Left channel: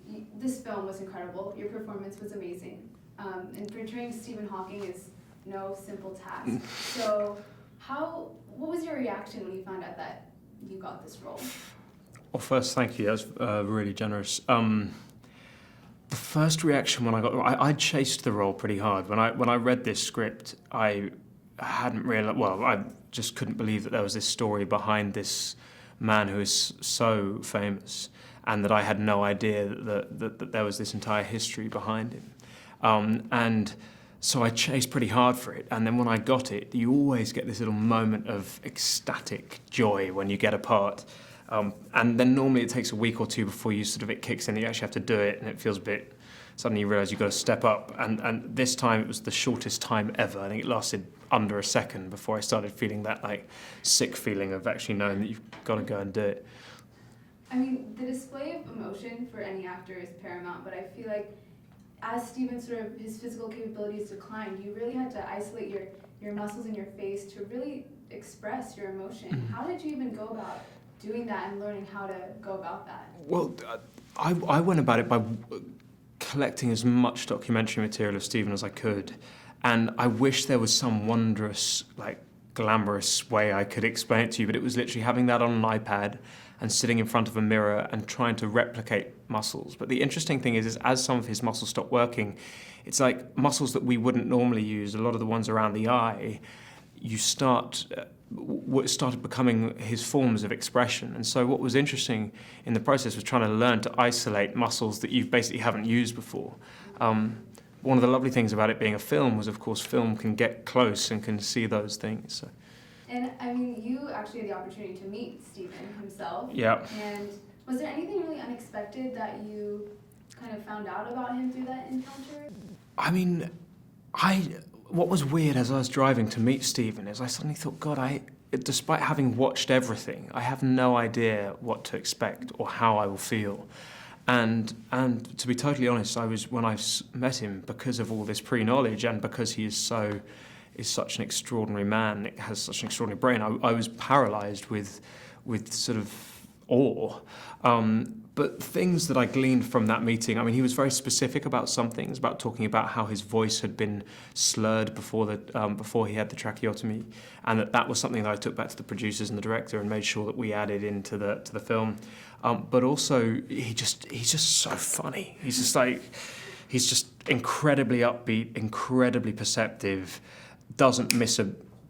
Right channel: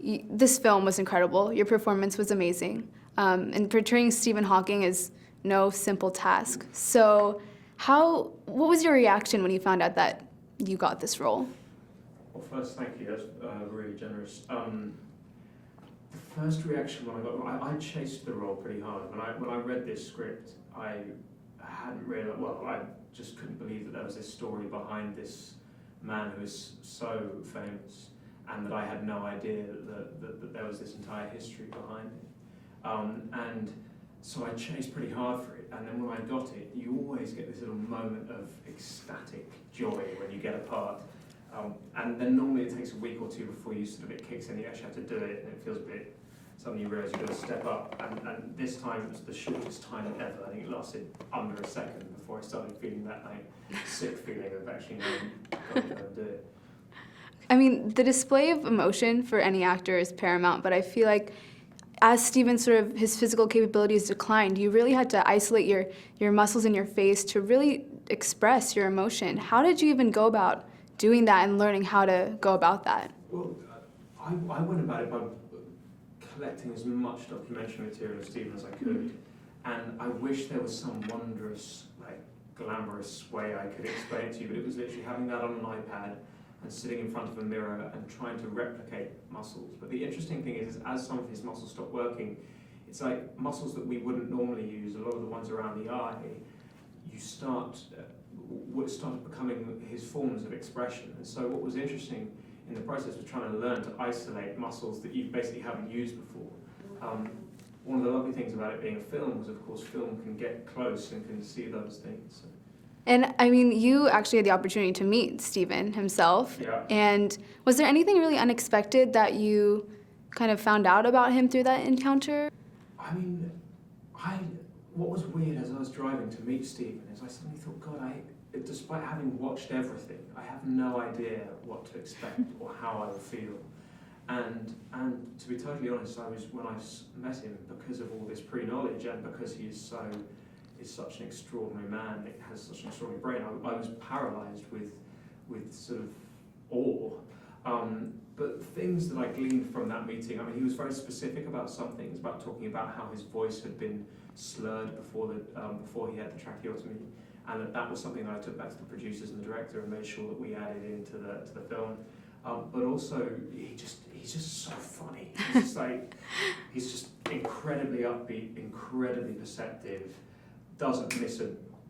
This film was incredible. Your performance was amazing. And portraying Stephen Hawking is no simple task. So what was your reaction when you found out that you got this role? Well, first, thank you. That was really generous. The first reaction when I chased the role pretty hard. When I read this script, I hadn't realized, well, I just couldn't believe that there was this story behind this man who is so famous, and that I had no idea that there was this entire history behind him. And so I chased pretty hard for it, and then when I got it, you always get this little moment of ecstatic joy when you get a part. And then normally it takes a week or two before it kicks in, that you actually have to do it, and it feels a bit, suddenly you realise you've got to step up. And this time it was the shortest time ever. I think it lasted under a second before I started feeling that sick feeling of actually knowing that you've got to go and do it. I mean, the display of emotion for any actor is paramount, but I feel like as Stephen his physical capabilities declined, you really had to isolate your muscles in your face to really express your emotion. Mm-hmm. How did you even go about doing that and learning how to go about that? Well, I went about it by collecting as much documentary material of Stephen as I could, and I wish there was some wondrous, glamorous way I could explain it to you, but it was literally having that on an iPad and sitting in front of a mirror and trying to replicate muscles. But the interesting thing is as some of his muscles stopped working, it's like muscles that we wouldn't normally use, a lot of the ones around the eye, started becoming his forms of expression. And so what was interesting in the process was trying to learn to isolate muscles that you basically haven't used before. One of the lovely things about it being a film was, of course, film can get close and can see those things. So. And I mean, you actually had the opportunity to meet Stephen himself. Yeah. And was there anything really unexpected that you kind of found out about him through that encounter? I mean, what was weird as I was driving to meet Stephen is I suddenly thought, God, despite having watched everything, I have no idea what to expect or how I will feel. And to be totally honest, when I met him, because of all this pre-knowledge and because he is such an extraordinary man, has such an extraordinary brain, I was paralysed with sort of awe. But things that I gleaned from that meeting, I mean, he was very specific about some things, about talking about how his voice had been slurred before he had the tracheotomy, and that was something that I took back to the producers and the director and made sure that we added into the film. But also, he's just so funny. He's just incredibly upbeat, incredibly perceptive, doesn't miss a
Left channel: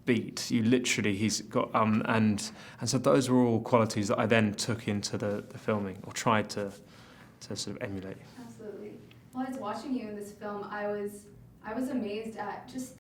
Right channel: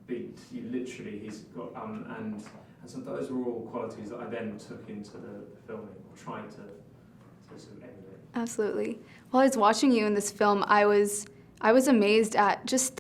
beat. He's got and so those were all qualities that I then took into the filming, or tried to sort of emulate. Absolutely. While I was watching you in this film, I was amazed at just